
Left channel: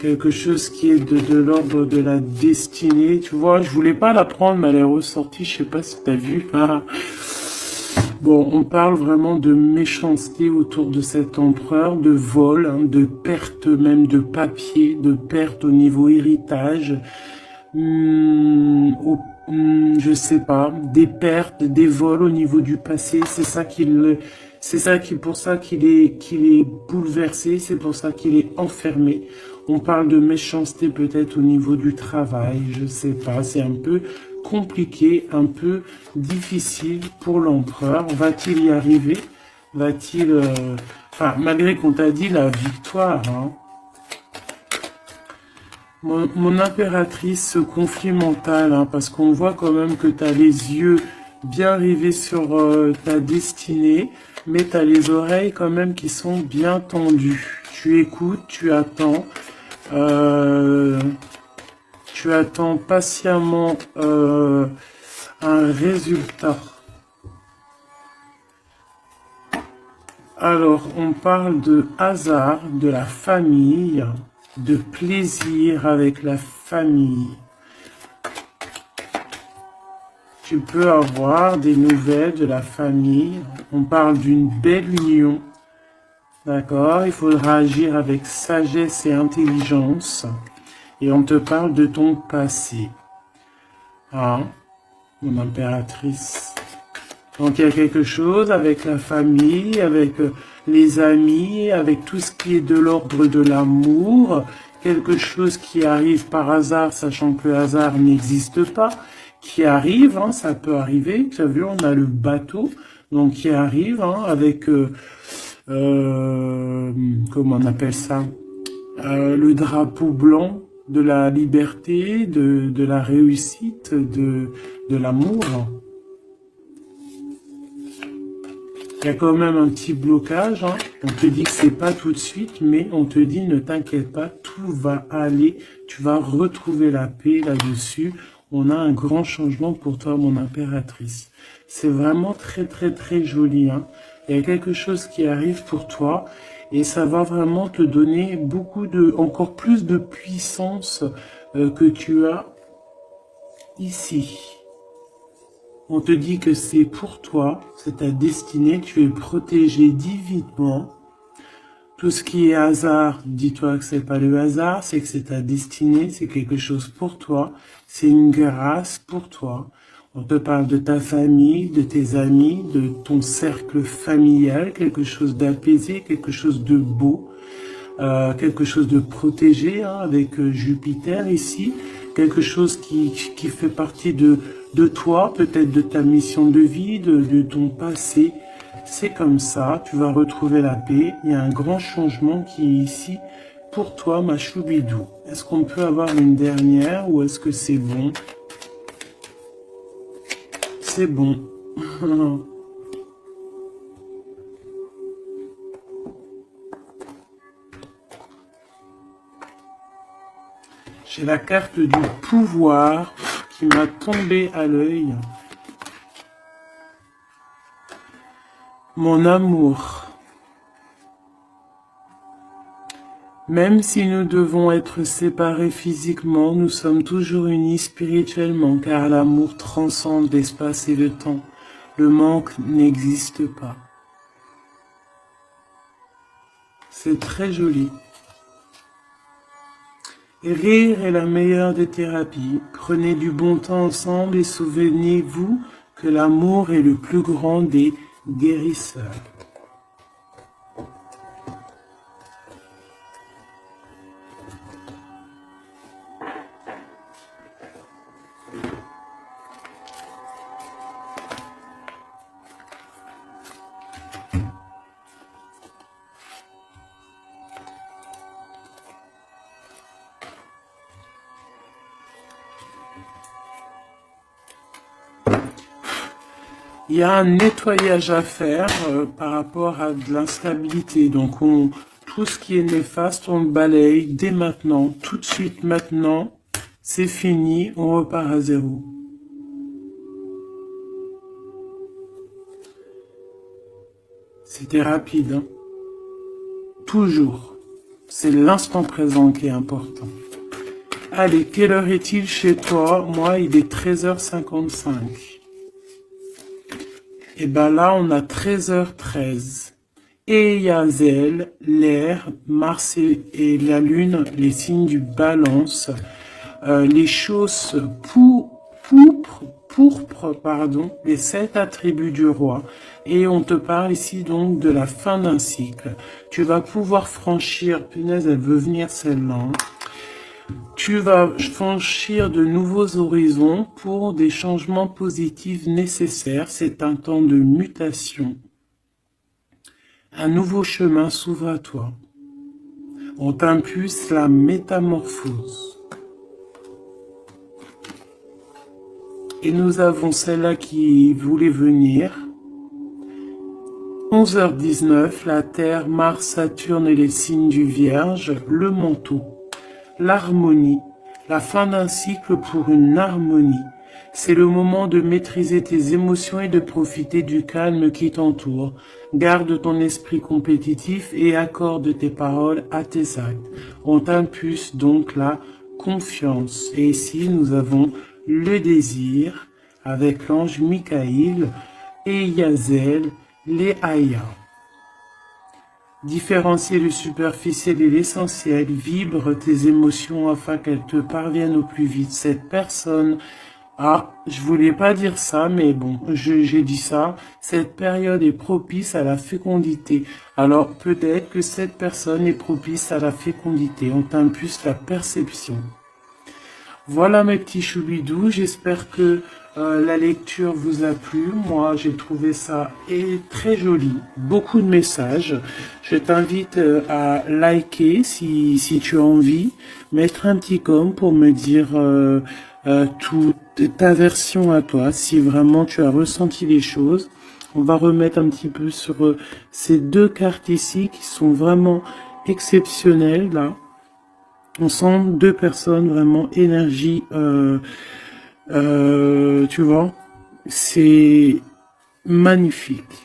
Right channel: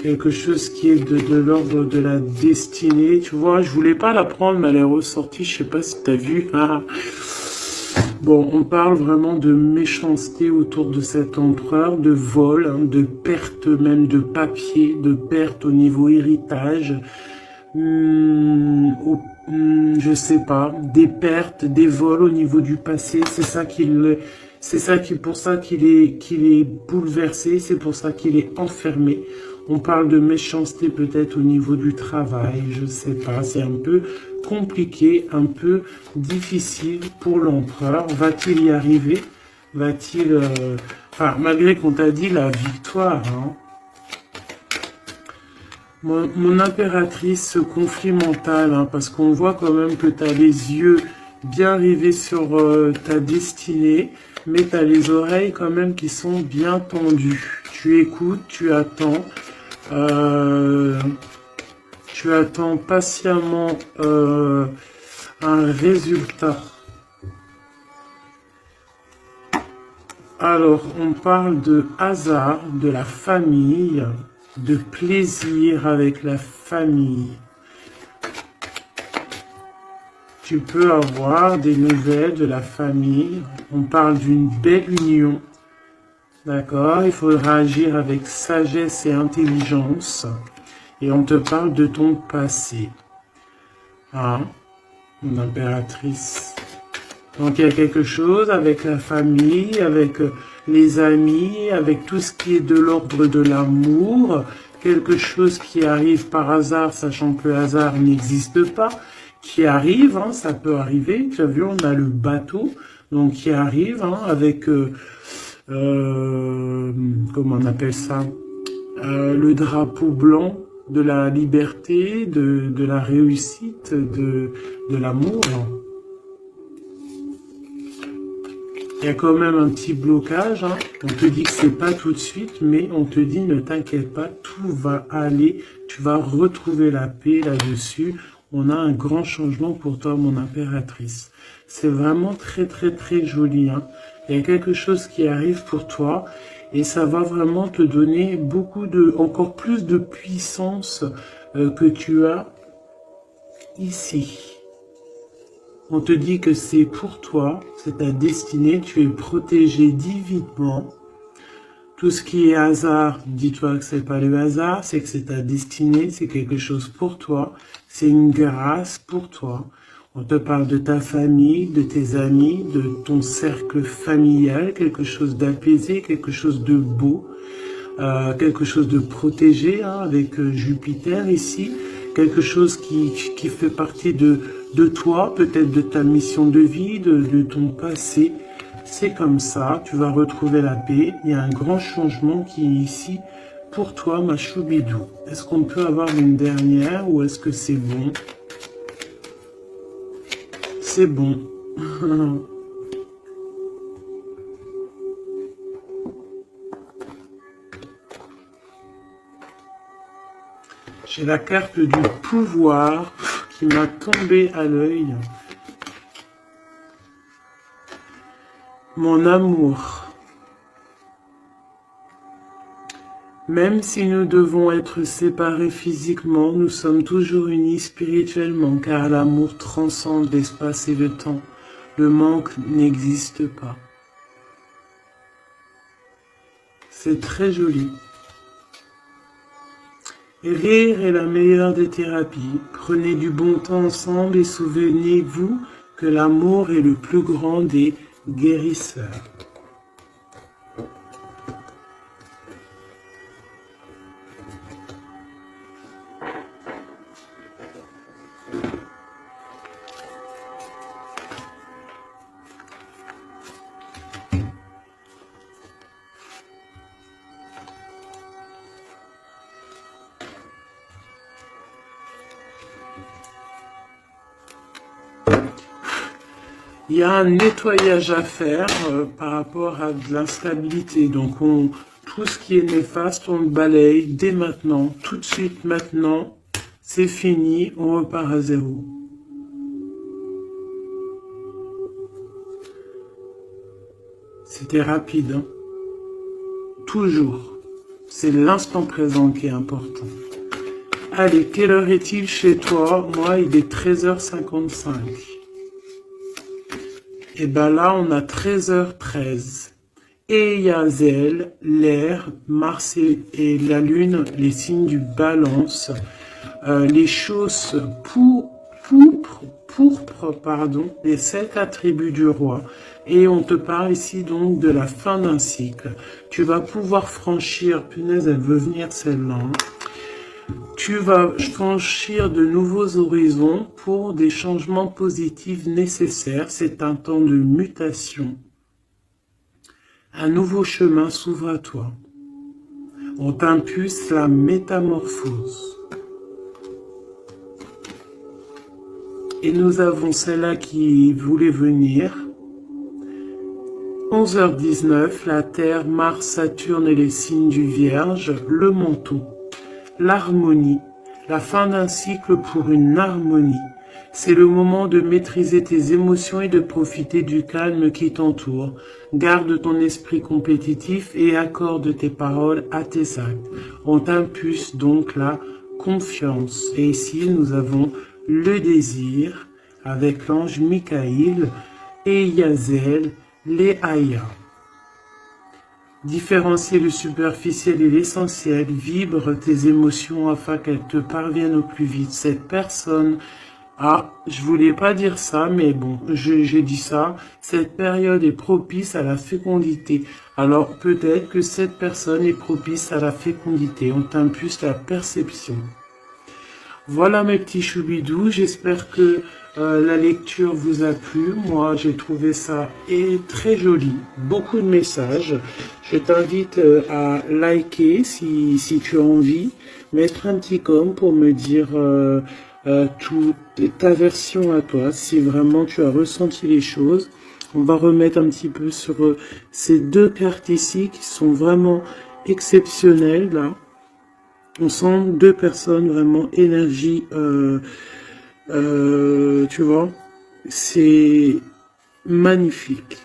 Quelque chose qui est de l'ordre de la destinée, tu vois, je voulais pas la prendre, mais elle est ressortie, je sais pas si tu as vu. Ah. Bon, on parle vraiment de méchanceté autour de cet empereur, de vol, hein, de perte même de papier, de perte au niveau héritage, je sais pas, des pertes, des vols au niveau du passé, c'est pour ça qu'il est bouleversé, c'est pour ça qu'il est enfermé. On parle de méchanceté peut-être au niveau du travail, je sais pas, c'est un peu compliqué, un peu difficile pour l'empereur. Va-t-il y arriver? Va-t-il... Enfin, malgré qu'on t'a dit la victoire, hein. Mon impératrice, ce conflit mental, hein, parce qu'on voit quand même que tu as les yeux bien rivés sur ta destinée, mais tu as les oreilles quand même qui sont bien tendues. Tu écoutes, tu attends patiemment un résultat. Alors, on parle de hasard, de la famille, de plaisir avec la famille. Tu peux avoir des nouvelles de la famille. On parle d'une belle union. D'accord? Il faudra agir avec sagesse et intelligence. Et on te parle de ton passé. Hein? Mon impératrice. Donc il y a quelque chose avec la famille, avec les amis, avec tout ce qui est de l'ordre de l'amour, quelque chose qui arrive par hasard, sachant que le hasard n'existe pas, qui arrive, hein, ça peut arriver. Tu as vu, on a le bateau, donc qui arrive hein, avec, comment on appelle ça, le drapeau blanc de la liberté, de la réussite, de l'amour. Il y a quand même un petit blocage, hein. On te dit que c'est pas tout de suite, mais on te dit ne t'inquiète pas, tout va aller, tu vas retrouver la paix là-dessus. On a un grand changement pour toi, mon impératrice. C'est vraiment très très très joli, hein. Il y a quelque chose qui arrive pour toi et ça va vraiment te donner encore plus de puissance que tu as ici. On te dit que c'est pour toi, c'est ta destinée, tu es protégé divinement. Tout ce qui est hasard, dis-toi que c'est pas le hasard, c'est que c'est ta destinée, c'est quelque chose pour toi, c'est une grâce pour toi. On te parle de ta famille, de tes amis, de ton cercle familial, quelque chose d'apaisé, quelque chose de beau, quelque chose de protégé, hein, avec Jupiter ici, quelque chose qui fait partie de toi, peut-être de ta mission de vie, de ton passé. C'est comme ça, tu vas retrouver la paix. Il y a un grand changement qui est ici pour toi, ma Choubidou. Est-ce qu'on peut avoir une dernière ou est-ce que c'est bon? C'est bon. J'ai la carte du pouvoir qui m'a tombé à l'œil. Mon amour. Même si nous devons être séparés physiquement, nous sommes toujours unis spirituellement, car l'amour transcende l'espace et le temps. Le manque n'existe pas. C'est très joli. Rire est la meilleure des thérapies. Prenez du bon temps ensemble et souvenez-vous que l'amour est le plus grand des guérisseurs. Il y a un nettoyage à faire par rapport à de l'instabilité. Donc, tout ce qui est néfaste, on le balaye dès maintenant, tout de suite maintenant. C'est fini, on repart à zéro. C'était rapide, hein? Toujours. C'est l'instant présent qui est important. Allez, quelle heure est-il chez toi? Moi, il est 13h55. Et ben là, on a 13h13. Et Yazel, l'air, Mars et la Lune, les signes du balance, les choses pourpres, les 7 attributs du roi. Et on te parle ici donc de la fin d'un cycle. Tu vas pouvoir franchir, punaise, elle veut venir celle-là. Tu vas franchir de nouveaux horizons pour des changements positifs nécessaires. C'est un temps de mutation. Un nouveau chemin s'ouvre à toi. On t'impulse la métamorphose. Et nous avons celle-là qui voulait venir. 11h19, la Terre, Mars, Saturne et les signes du Vierge, le manteau, l'harmonie, la fin d'un cycle pour une harmonie. C'est le moment de maîtriser tes émotions et de profiter du calme qui t'entoure. Garde ton esprit compétitif et accorde tes paroles à tes actes. On t'impulse donc la confiance. Et ici, nous avons le désir avec l'ange Michael et Yazel, les Aya. Différencie le superficiel et l'essentiel, vibre tes émotions afin qu'elles te parviennent au plus vite. Cette personne, je voulais pas dire ça, mais bon, j'ai dit ça. Cette période est propice à la fécondité. Alors peut-être que cette personne est propice à la fécondité. On t'impulse la perception. Voilà mes petits choubidous, j'espère que la lecture vous a plu. Moi, j'ai trouvé ça très joli. Beaucoup de messages. Je t'invite à liker si tu as envie. Mettre un petit com pour me dire toute ta version à toi. Si vraiment tu as ressenti les choses. On va remettre un petit peu sur ces deux cartes ici qui sont vraiment exceptionnelles là. On sent deux personnes vraiment énergie, tu vois, c'est magnifique.